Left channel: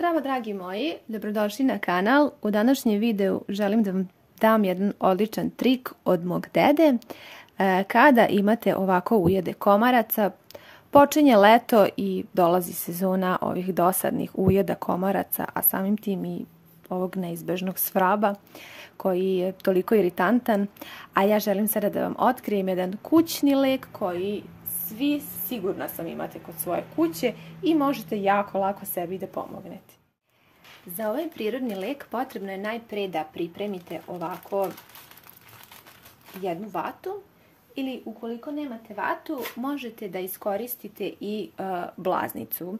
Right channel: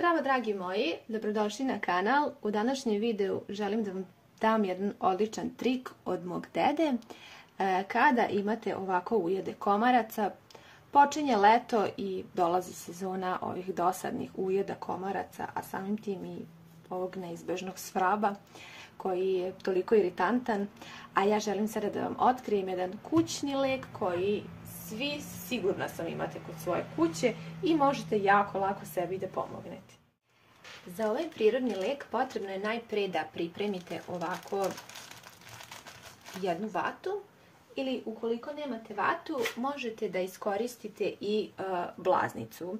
Zdravo dragi moji, dobrodošli na kanal. U današnjem videu želim da vam dam jedan odličan trik od mog dede. Kada imate ovako ujede komaraca, počinje leto i dolazi sezona ovih dosadnih ujeda komaraca, a samim tim i ovog neizbežnog svraba koji je toliko iritantan. A ja želim sada da vam otkrijem jedan kućni lek koji svi sigurna sam imate kod svoje kuće i možete jako lako sebi da pomognete. Za ovaj prirodni lek potrebno je najpre da pripremite ovako jednu vatu ili ukoliko nemate vatu možete da iskoristite i blaznicu.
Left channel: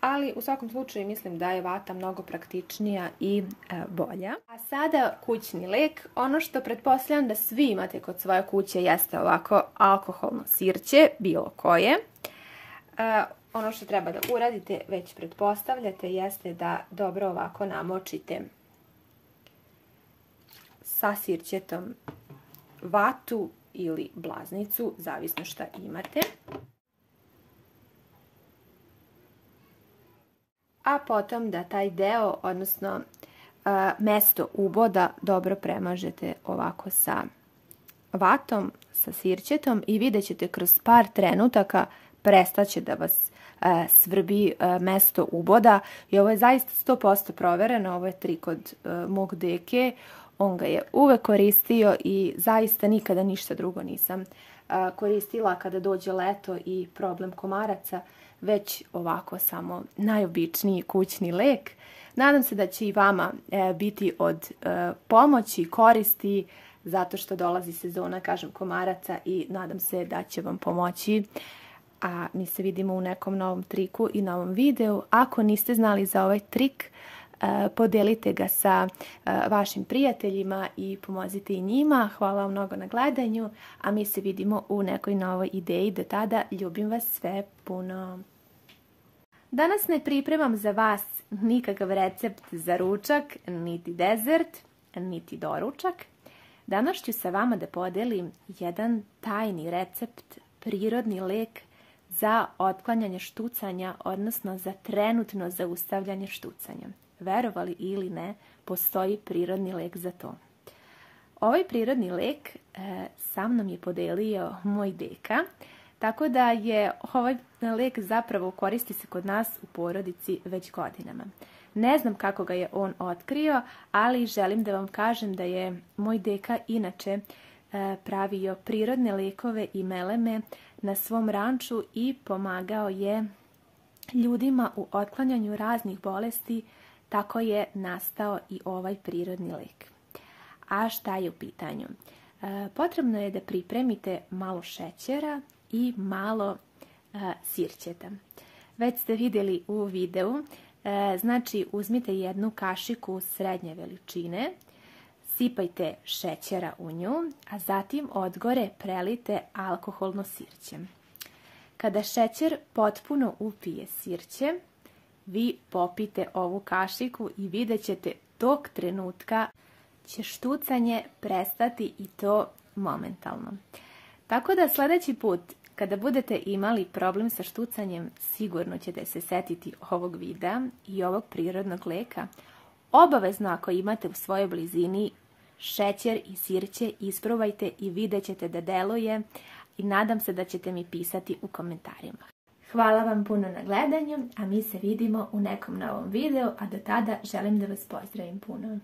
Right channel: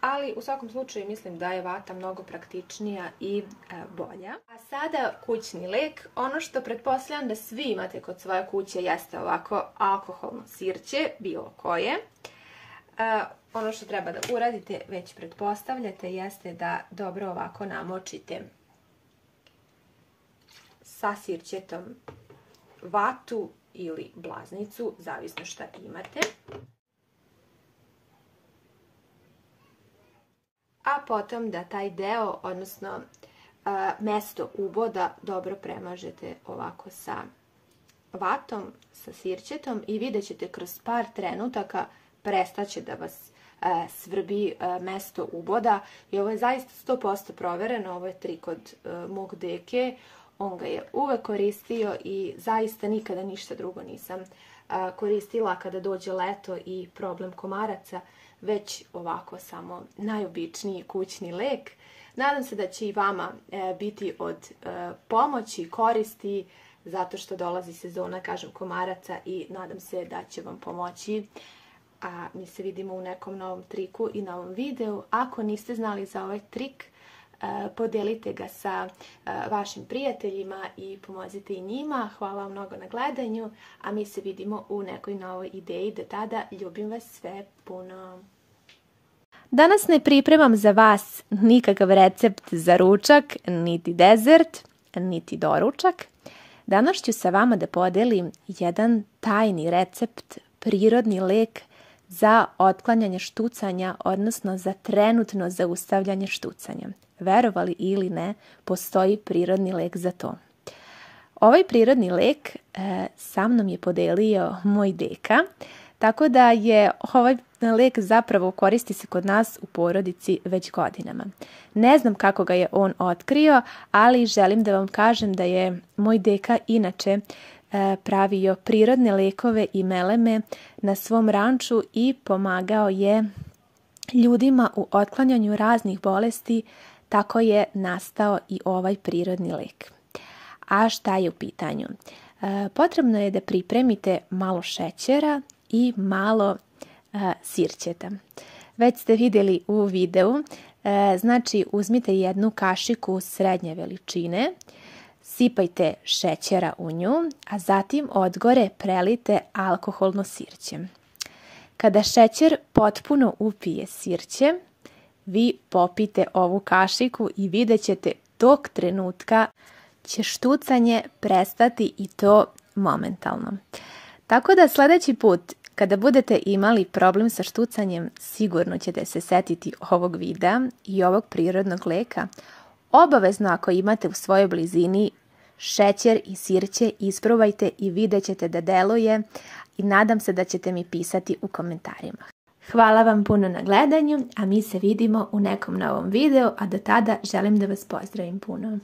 Ali u svakom slučaju mislim da je vata mnogo praktičnija i bolja. A sada kućni lek. Ono što pretpostavljam da svi imate kod svoje kuće jeste ovako alkoholno sirće, bilo koje. Ono što treba da uradite, već pretpostavljate, jeste da dobro ovako namočite sa sirćetom vatu ili blaznicu, zavisno šta imate. A potom da taj deo, odnosno mesto uboda, dobro premažete ovako sa vatom, sa sirćetom i vidjet ćete kroz par trenutaka prestaće da vas svrbi mesto uboda. I ovo je zaista 100% provereno, ovo je trik od mog deke, on ga je uvek koristio i zaista nikada ništa drugo nisam koristila kada dođe leto i problem komaraca, već ovako samo najobičniji kućni lek. Nadam se da će i vama biti od pomoći i koristi, zato što dolazi sezona, kažem, komaraca i nadam se da će vam pomoći. A mi se vidimo u nekom novom triku i novom videu. Ako niste znali za ovaj trik, podelite ga sa vašim prijateljima i pomozite i njima. Hvala vam mnogo na gledanju, a mi se vidimo u nekoj novoj ideji. Do tada, ljubim vas sve puno. Danas ne pripremam za vas nikakav recept za ručak, niti dezert, niti doručak. Danas ću sa vama da podelim jedan tajni recept, prirodni lek za otklanjanje štucanja, odnosno za trenutno zaustavljanje štucanja. Verovali ili ne, postoji prirodni lek za to. Ovaj prirodni lek sa mnom je podelio moj deka, tako da je ovaj lek zapravo koristi se kod nas u porodici već godinama. Ne znam kako ga je on otkrio, ali želim da vam kažem da je moj deka inače pravio prirodne lekove i meleme na svom ranču i pomagao je ljudima u otklanjanju raznih bolesti. Tako je nastao i ovaj prirodni lek. A šta je u pitanju? Potrebno je da pripremite malo šećera i malo sirćeta. Već ste vidjeli u videu, znači uzmite jednu kašiku srednje veličine, sipajte šećera u nju, a zatim odgore prelite alkoholno sirće. Kada šećer potpuno upije sirće, vi popijte ovu kašiku i vidjet ćete tog trenutka će štucanje prestati i to momentalno. Tako da sljedeći put kada budete imali problem sa štucanjem, sigurno ćete se setiti ovog videa i ovog prirodnog leka. Obavezno ako imate u svojoj blizini šećer i sirće, isprobajte i vidjet ćete da deluje i nadam se da ćete mi pisati u komentarima. Hvala vam puno na gledanju, a mi se vidimo u nekom novom videu, a do tada želim da vas pozdravim puno.